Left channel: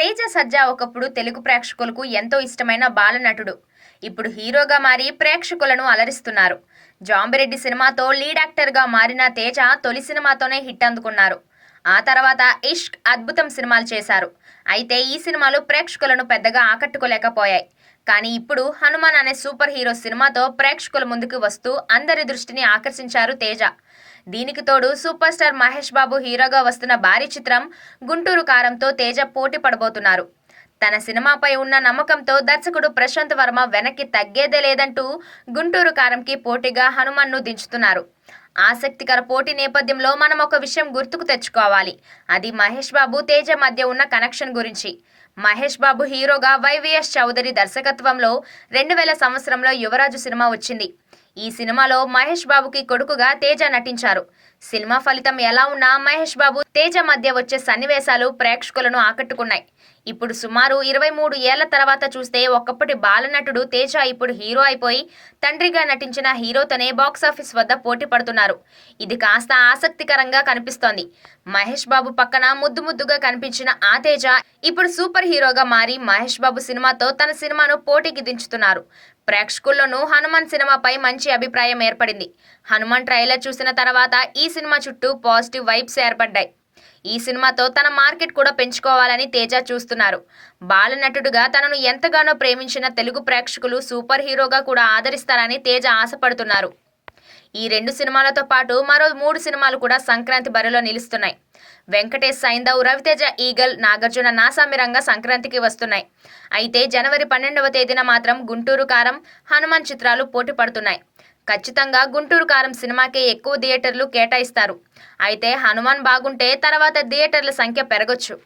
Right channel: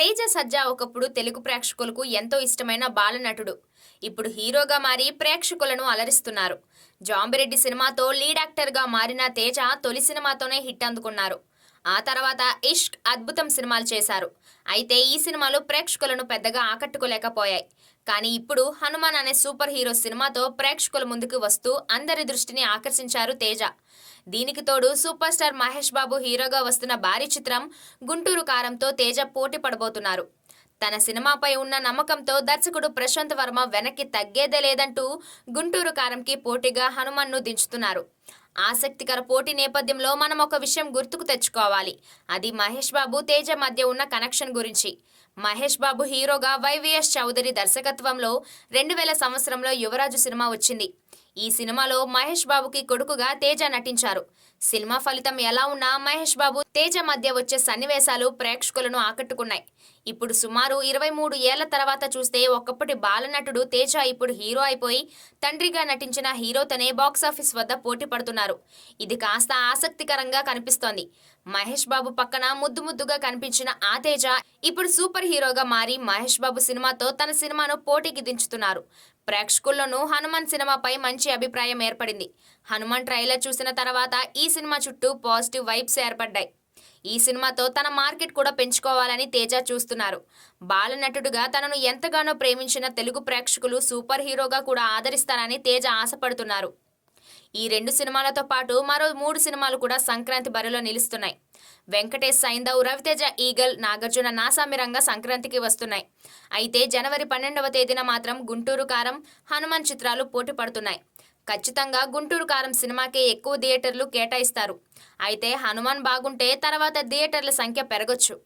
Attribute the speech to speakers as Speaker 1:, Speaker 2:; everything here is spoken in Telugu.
Speaker 1: తేజ సజ్జా ఒకప్పుడు తెలుగు ప్రేక్షకులకు ఎంతో ఇష్టమైన బాలనటుడు. ఇప్పుడు హీరోగా మారి ప్రేక్షకులను అలరిస్తున్నారు. జాంబిరెడ్డి సినిమాతో లీడ్ యాక్టర్గా మారిన తేజ తొలి సినిమాతోనే హిట్ అందుకున్నారు. ఆ తర్వాత ఇష్క్ అద్భుతం సినిమాలు చేశారు. అయితే ఈ సినిమాలు ప్రేక్షకులను పెద్దగా ఆకట్టుకోలేకపోయాయి. కానీ ఇప్పుడు హనుమాన్ అనే సూపర్ హీరో సినిమాతో ప్రేక్షకుల ముందుకు వస్తూ అందరి దృష్టిని ఆకర్షించారు తేజ. దీనికి తోడు సూపర్ స్టార్ మహేష్ బాబు హీరోగా వస్తున్న భారీ చిత్రం గుంటూరు కారంతో తేజ పోటీ పడబోతున్నారు. తన సినిమాపై ఉన్న నమ్మకంతో దర్శకుడు ప్రశాంత్ వర్మ వెనక్కి తగ్గేదే లేదంటూ గుంటూరు కారంకి పోటీగా హనుమాన్ను దించుతున్నారు. ఆసక్తికర పోటీ నేపథ్యంలో మనం ఒక విషయం గుర్తుకు తెచ్చుకోవాలి. అది మహేష్ బాబు తేజ మధ్య ఉన్న కనెక్షన్ గురించి. మహేష్ బాబు హీరోగా వైవిఎస్ చౌదరి దర్శకత్వంలో రెండు వేల సంవత్సరంలో యువరాజు సినిమా వచ్చింది. ఈ సినిమాలో మహేష్ బాబుకి కొడుకుగా తేజ నటించారు. సినిమా ఫలితం ఎలా ఉన్నా మహేష్ బాబు తేజ మధ్య వచ్చే సన్నివేశాలు ప్రేక్షకులను ఆకట్టుకున్నాయి. ఇప్పుడు సుమారు ఇరవై మూడు ఏళ్ళ తర్వాత చూస్తే ఒకప్పటి బాలనటుడు తేజ ఇప్పుడు హీరో అయిపోయి తండ్రిగా నటించిన హీరోతోనే బాక్సాఫీస్ వద్ద పోటీ పడుతున్నారు. ఇది కాస్త ఆసక్తికరంగా కనిపిస్తోంది. మహేష్ బాబు పక్కన ముద్దు ముద్దుగా కనిపించిన ఆ తేజ ఇప్పుడు సూపర్ హీరోగా మారి మహేష్ బాబు సినిమాతో తన సినిమాను పోటీకి దించుతున్నారు. ప్రేక్షకుల్లోనూ హనుమాన్ సినిమాపై మంచి అభిప్రాయం ఏర్పడింది. హనుమాన్ ట్రైలర్ చూసిన తర్వాత ఈ సినిమా చుట్టూ పాజిటివ్ వైబ్స్ ఏర్పడ్డాయి. ఈ సినిమాతో తన మార్కెట్ కూడా పెంచుకోవాలని తేజ చూస్తున్నారు. బాలనటుడుగా తనను ఎంతగానో ప్రేమించిన తెలుగు ప్రేక్షకులు సూపర్ హీరోగా కూడా ఆదరిస్తారని తేజ ఆశపడుతున్నారు. ఈ రెండు సినిమాలతో పాటు మరో మూడు సినిమాలు కూడా సంక్రాంతి బరిలో నిలుస్తున్నాయి. వెంకటేష్ సైందవ్ రవితేజ ఈగల్ నాగార్జున నాసామిరంగా సంక్రాంతికి వస్తున్నాయి. అయితే జనవరి పన్నెండవ తేదీన మాత్రం గుంటూరు కారం హనుమాన్ చిత్రాలు పోటీ పడుతున్నాయి. ఖచ్చితంగా గుంటూరు కారం సినిమాకే ఎక్కువ థియేటర్లు కేటాయిస్తారు. అయితే హనుమాన్ బాగుంటే తర్వాత థియేటర్ల సంఖ్య పెరగొచ్చు.